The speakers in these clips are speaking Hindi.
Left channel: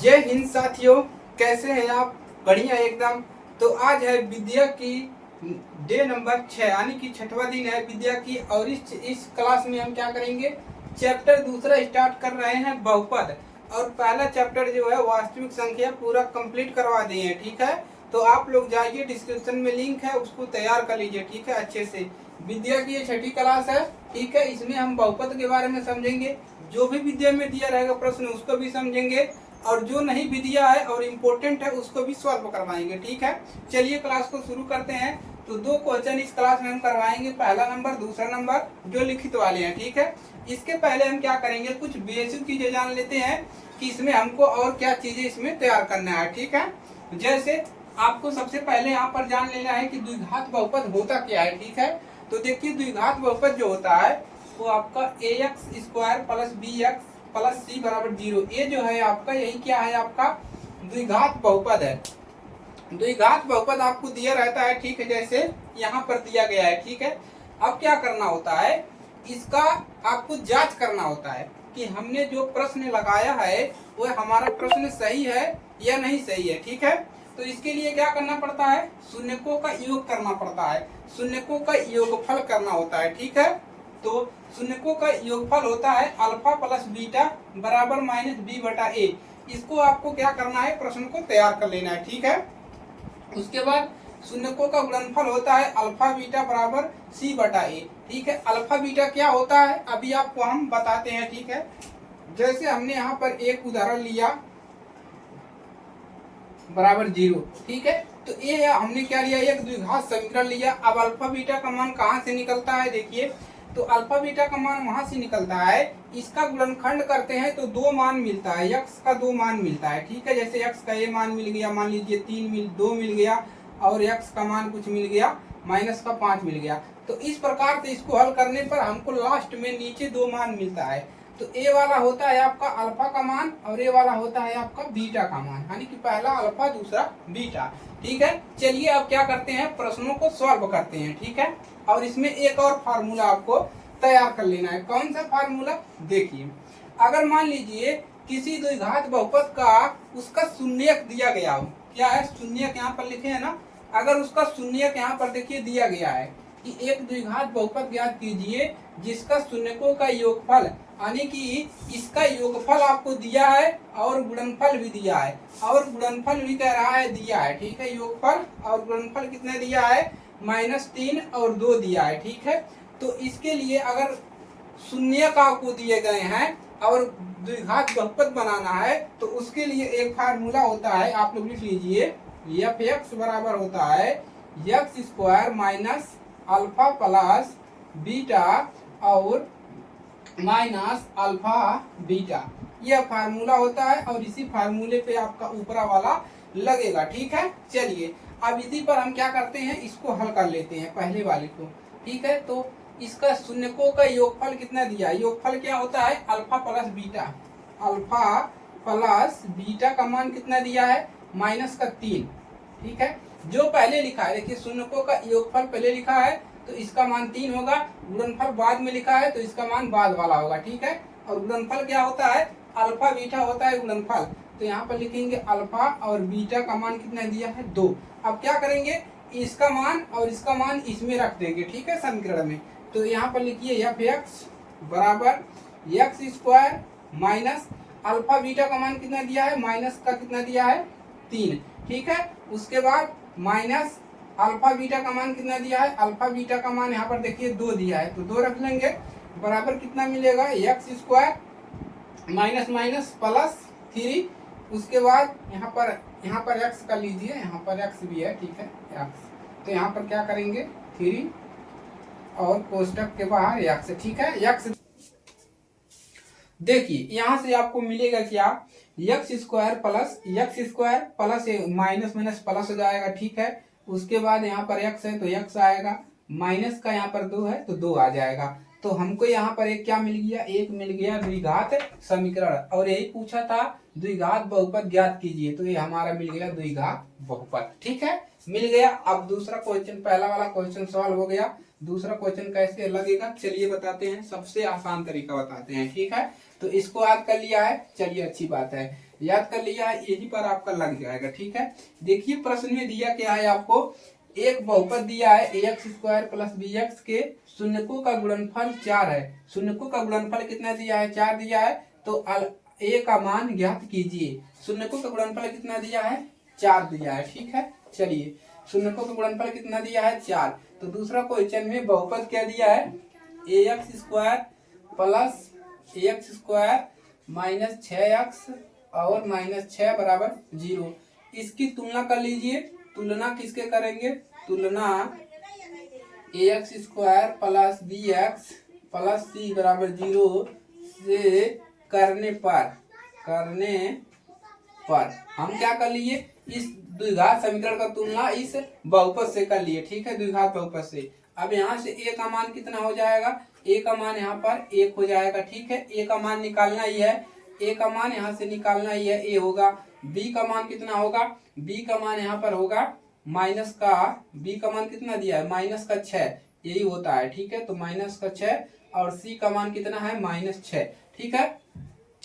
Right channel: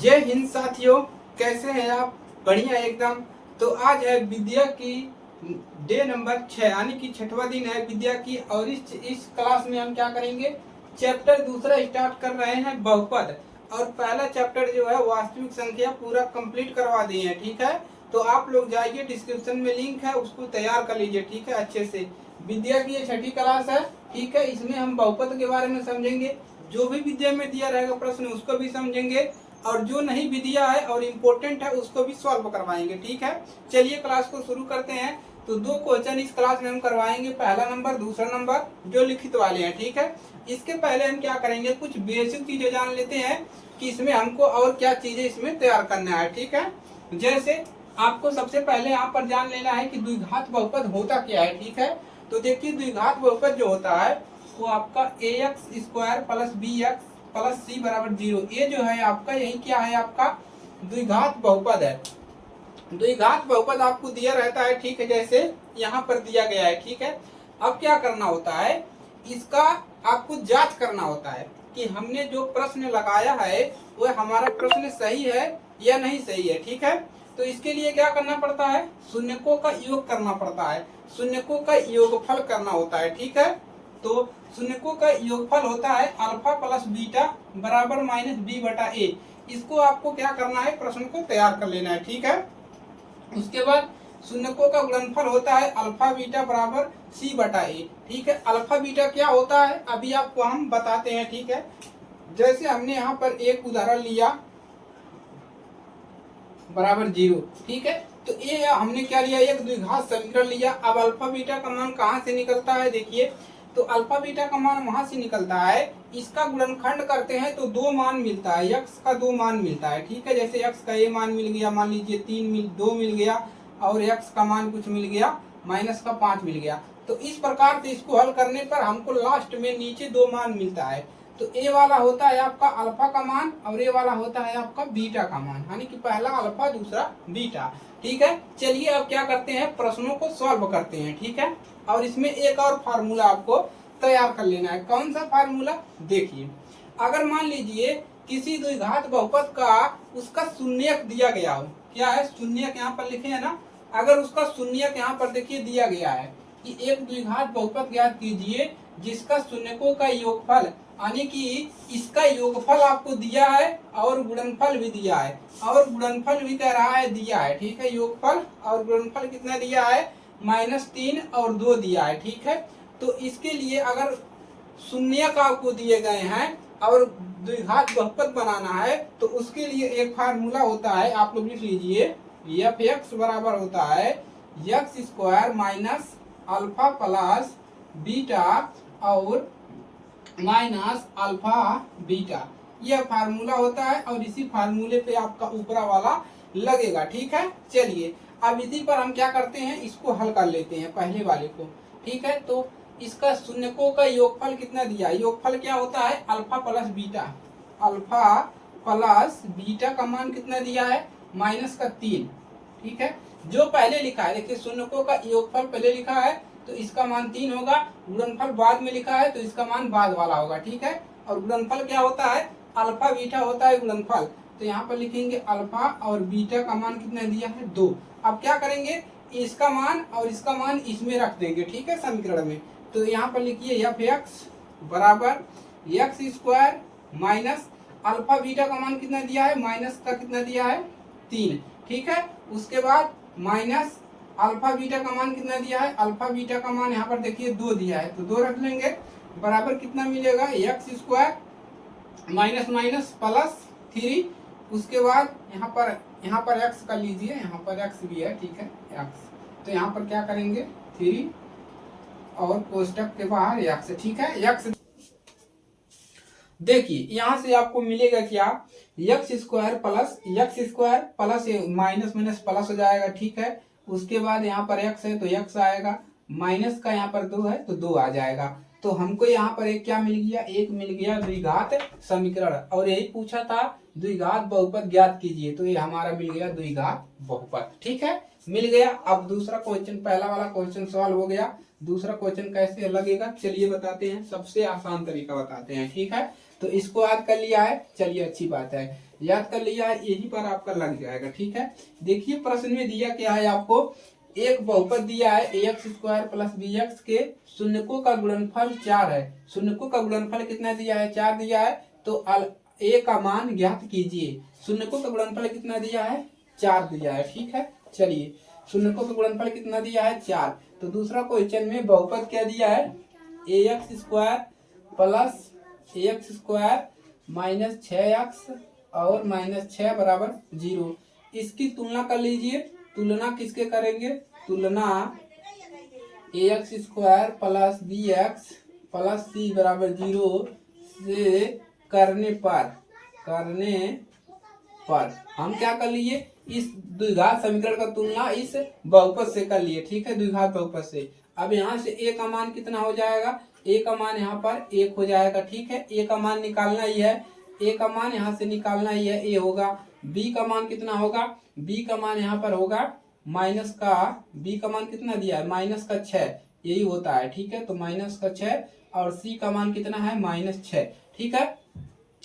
जय हिंद साथियों, कैसे हैं आप? बढ़िया एकदम। तो आज है विद्या की डे नंबर 6 यानी कि छठवां दिन है विद्या की। और इस क्लास में हम क्या करेंगे, चैप्टर दूसरा स्टार्ट कर रहे हैं बहुपद। और पहला चैप्टर जो है वास्तविक संख्या पूरा कंप्लीट करवा दिए हैं। ठीक है, तो आप लोग जाइए, डिस्क्रिप्शन में लिंक है, उसको तैयार कर लीजिए। ठीक है, अच्छे से। विद्या की ये छठी क्लास है। ठीक है, इसमें हम बहुपद के बारे में समझेंगे। जो भी विद्या में दिया रहेगा प्रश्न उसको भी समझेंगे, और जो नहीं भी दिया है और इम्पोर्टेंट है उसको भी सॉल्व करवाएंगे। ठीक है, चलिए क्लास को शुरू करते हैं। तो 2 क्वेश्चन इस क्लास में हम करवाएंगे, पहला नंबर, दूसरा नंबर, जो लिखित वाले हैं। ठीक है, इसके पहले हम क्या करेंगे, कुछ बेसिक चीजें जान लेते हैं कि इसमें हमको और क्या चीजें इसमें तैयार करना है। ठीक है, जैसे आपको सबसे पहले यहाँ पर जान लेना है कि द्विघात बहुपद होता क्या है। ठीक है, तो देखिए द्विघात बहुपद जो होता है वो आपका ax² प्लस bx प्लस सी बराबर 0, ये जो है आपका, यही क्या है, आपका द्विघात बहुपद है। द्विघात बहुपद आपको दिया रहता है। ठीक है, जैसे यहाँ पर दिया गया है। ठीक है, अब क्या करना होता है, इसका आपको जांच करना होता है कि हमने जो प्रश्न लगाया है वो हमारा प्रश्न सही है या नहीं सही है। ठीक है, तो इसके लिए क्या करना पड़ता है, शून्यकों का योग करना पड़ता है, शून्यकों का योगफल करना होता है। ठीक है, तो शून्यकों का योगफल होता है अल्फा प्लस बीटा बराबर माइनस बी बटा ए। इसको आपको क्या करना है, प्रश्न को तैयार कर लेना है। ठीक है, उसके बाद शून्यकों का गुणनफल होता है अल्फा बीटा बराबर सी बटा ए। ठीक है, अल्फा बीटा क्या होता है अभी आपको हम बताते हैं। ठीक है, जैसे हमने यहाँ पर एक उदाहरण लिया बराबर 0। ठीक है, तो ये हमने क्या लिया, एक द्विघात समीकरण लिया। अब अल्फा बीटा का मान कहाँ से निकलता है, देखिए, तो अल्फा बीटा का मान वहां से निकलता है, इसका गुणनखंड करते हैं तो 2 मान मिलता है, यक्स का 2 मान मिलता है। ठीक है, जैसे यक्स का ये मान मिल गया, मान लीजिए 2 मिल गया, और यक्स का मान कुछ मिल गया, माइनस का 5 मिल गया। तो इस प्रकार से इसको हल करने पर हमको लास्ट में नीचे 2 मान मिलता है। तो ए वाला होता है आपका अल्फा का मान, और ए वाला होता है आपका बीटा का मान, यानी कि पहला अल्फा दूसरा बीटा। ठीक है, चलिए अब क्या करते हैं, प्रश्नों को सॉल्व करते हैं। ठीक है, और इसमें एक और फार्मूला आपको तैयार कर लेना है। कौन सा फार्मूला, देखिए, अगर मान लीजिए किसी द्विघात बहुपद का उसका शून्यक दिया गया हो, क्या है, शून्यक यहाँ पर लिखे है ना, अगर उसका शून्यक यहाँ पर देखिए दिया गया है कि एक द्विघात बहुपद ज्ञात कीजिए जिसका शून्यकों का योगफल, यानी कि इसका योगफल आपको दिया है और गुणनफल भी दिया है, और गुणनफल भी कह रहा है दिया है। ठीक है, योगफल और गुणनफल कितना दिया है, -3 और 2 दिया है। ठीक है, तो इसके लिए अगर शून्यक आपको दिए गए हैं और द्विघात बहुपद बनाना है तो उसके लिए एक फार्मूला होता है, आप लोग लिख लीजिए, एफ एक्स बराबर होता है x² minus alpha plus beta और माइनस अल्फा बीटा, यह फार्मूला होता है, और इसी फार्मूले पे आपका ऊपरा वाला लगेगा। ठीक है, चलिए अब इसी पर हम क्या करते हैं, इसको हल कर लेते हैं पहले वाले को। ठीक है, तो इसका शून्यकों का योगफल कितना दिया है, योगफल क्या होता है alpha plus beta, alpha plus beta का मान कितना दिया है, -3। ठीक है, जो पहले लिखा है, देखिए शून्यकों का योगफल पहले लिखा है तो इसका मान 3 होगा, गुणनफल बाद में लिखा है तो इसका मान बाद वाला होगा। ठीक है, और गुणनफल क्या होता है, अल्फा बीटा होता है गुणनफल, तो यहाँ पर लिखेंगे अल्फा और बीटा का मान कितना दिया है 2। अब क्या करेंगे, इसका मान और इसका मान इसमें रख देंगे। ठीक है, समीकरण में, तो यहाँ पर लिखिए एफ एक्स बराबर x² माइनस अल्फा बीटा का मान कितना दिया है, माइनस का कितना दिया है 3। ठीक है, उसके बाद माइनस अल्फा बीटा का मान कितना दिया है, अल्फा बीटा का मान यहाँ पर देखिए 2 दिया है तो 2 रख लेंगे, बराबर कितना मिलेगा, x² माइनस माइनस प्लस 3। उसके बाद यहाँ पर x कर लीजिए, यहाँ पर x भी है। ठीक है, x, तो यहाँ पर क्या करेंगे 3 और कोष्टक के बाहर x। ठीक है, x, देखिए यहाँ से आपको मिलेगा क्या, x² plus minus minus plus हो जाएगा। ठीक है, उसके बाद यहाँ पर x है तो x आएगा, माइनस का यहाँ पर 2 है तो 2 आ जाएगा। तो हमको यहाँ पर एक क्या मिल गया, एक मिल गया द्विघात समीकरण, और यही पूछा था द्विघात बहुपद ज्ञात कीजिए, तो ये हमारा मिल गया द्विघात बहुपद। ठीक है, मिल गया। अब दूसरा क्वेश्चन, पहला वाला क्वेश्चन सॉल्व हो गया। दूसरा क्वेश्चन कैसे लगेगा चलिए बताते हैं, सबसे आसान तरीका बताते हैं। ठीक है, तो इसको याद कर लिया है, चलिए अच्छी बात है, याद कर लिया है, यही पर आपका लग जाएगा। ठीक है, देखिए प्रश्न में दिया क्या है आपको, एक बहुपद दिया है ax² प्लस bx के शून्यकों का गुणनफल 4 है। शून्यकों का गुणनफल कितना दिया है, 4 दिया है। तो a का मान ज्ञात कीजिए। शून्यकों का गुणनफल कितना दिया है, 4 दिया है। ठीक है, चलिए शून्यकों का गुणनफल कितना दिया है, 4। तो दूसरा क्वेश्चन में बहुपद क्या दिया है, ax² plus ax² minus 6x और माइनस 6 बराबर 0। इसकी तुलना कर लीजिए। तुलना किसके करेंगे, तुलना ax² plus bx plus c बराबर 0 से करने पर हम क्या कर लिए, इस द्विघात समीकरण का तुलना इस बहुपद से कर लिए। ठीक है, द्विघात बहुपद से। अब यहाँ से a का मान कितना हो जाएगा, a का मान यहाँ पर 1 हो जाएगा। ठीक है, a का मान निकालना ही है, a का मान यहाँ से निकालना ही है, a होगा। b का मान कितना होगा, b का मान यहाँ पर होगा माइनस का, b का मान कितना दिया है, माइनस का 6, यही होता है। ठीक है, तो माइनस का 6 और c का मान कितना है, माइनस 6। ठीक है,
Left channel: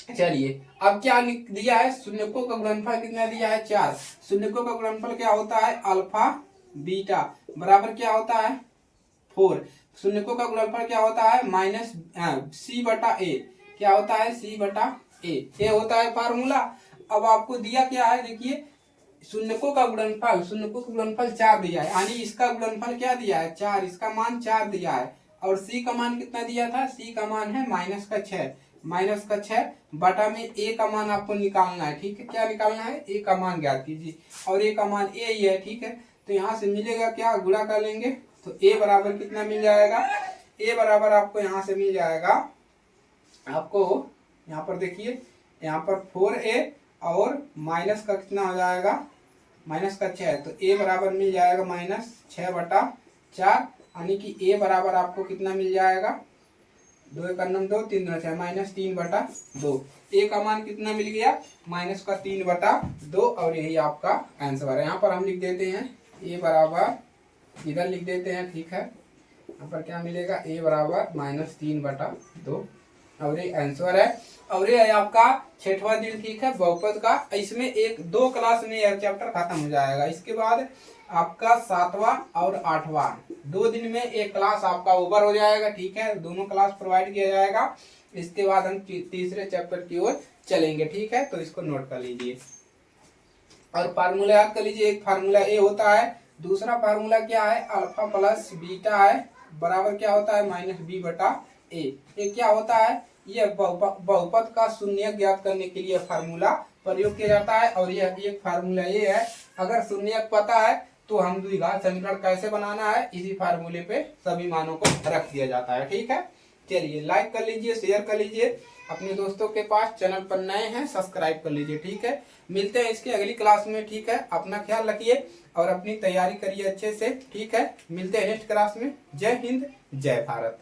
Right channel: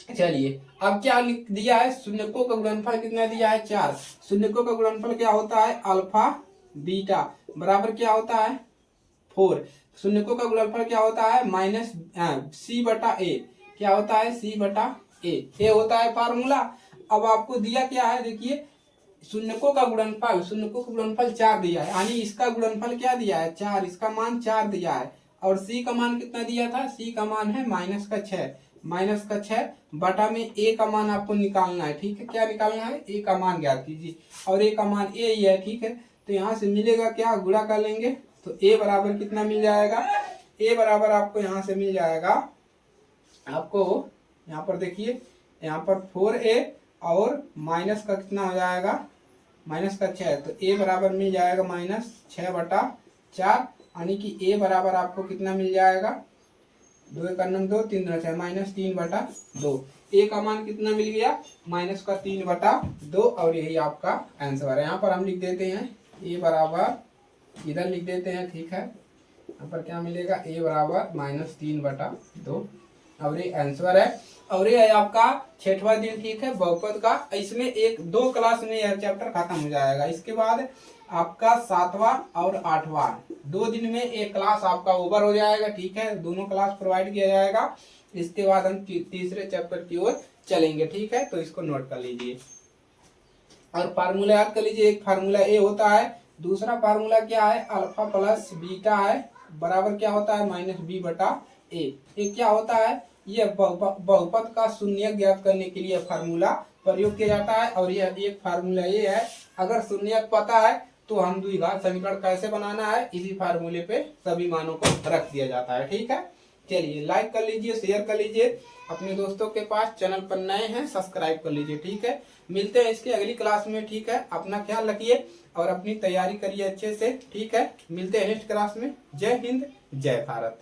चलिए अब क्या दिया है, शून्यकों का गुणनफल कितना दिया है, 4। शून्यकों का गुणनफल क्या होता है, अल्फा बीटा बराबर क्या होता है, 4। शून्यकों का गुणनफल क्या होता है, माइनस c बटा a, क्या होता है, c बटा a, ये होता है फार्मूला। अब आपको दिया क्या है, देखिए शून्यकों का गुणनफल 4 दिया है, यानी इसका गुणनफल क्या दिया है, 4, इसका मान 4 दिया है। और c का मान कितना दिया था, c का मान है माइनस का 6 बटा में a का मान आपको निकालना है। ठीक है, क्या निकालना है, a का मान ज्ञात कीजिए, और a का मान a ही है। ठीक है, तो यहाँ से मिलेगा क्या, गुणा कर लेंगे तो a बराबर कितना मिल जाएगा, a बराबर आपको यहाँ से मिल जाएगा, आपको यहाँ पर देखिए, यहाँ पर 4a और माइनस का कितना हो जाएगा, माइनस का 6, तो a बराबर मिल जाएगा माइनस 6 बटा 4, यानी कि a बराबर आपको कितना मिल जाएगा, 2 एक 2 3 6 माइनस 3 बटा 2। a का मान कितना मिल गया, माइनस का 3 बटा 2, और यही आपका आंसर है। यहाँ पर हम लिख देते हैं a बराबर, इधर लिख देते हैं। ठीक है, यहाँ पर क्या मिलेगा, a बराबर माइनस 3 बटा 2, और ये आंसर है। और ये है आपका 6वां दिन। ठीक है, बहुपद का। इसमें 1-2 क्लास में यह चैप्टर खत्म हो जाएगा। इसके बाद आपका 7वां और 8वां 2 दिन में एक क्लास आपका ओवर हो जाएगा। ठीक है, दोनों क्लास प्रोवाइड किया जाएगा। इसके बाद हम तीसरे चैप्टर की ओर चलेंगे। ठीक है, तो इसको नोट कर लीजिए और फार्मूला याद कर लीजिए। एक फार्मूला ए होता है, दूसरा फार्मूला क्या है, अल्फा प्लस बीटा है बराबर क्या होता है, माइनस बी बटा ए। ये क्या होता है, ये बहुपद का शून्य ज्ञात करने के लिए फार्मूला प्रयोग किया जाता है। और यह एक फार्मूला ये है, अगर शून्य पता है तो हम द्विघात समीकरण कैसे बनाना है, इसी फार्मूले पे सभी मानों को रख दिया जाता है। ठीक है, चलिए लाइक कर लीजिए, शेयर कर लीजिए अपने दोस्तों के पास। चैनल पर नए हैं सब्सक्राइब कर लीजिए। ठीक है, मिलते हैं इसकी अगली क्लास में। ठीक है, अपना ख्याल रखिए और अपनी तैयारी करिए अच्छे से। ठीक है, मिलते हैं नेक्स्ट क्लास में। जय हिंद, जय भारत।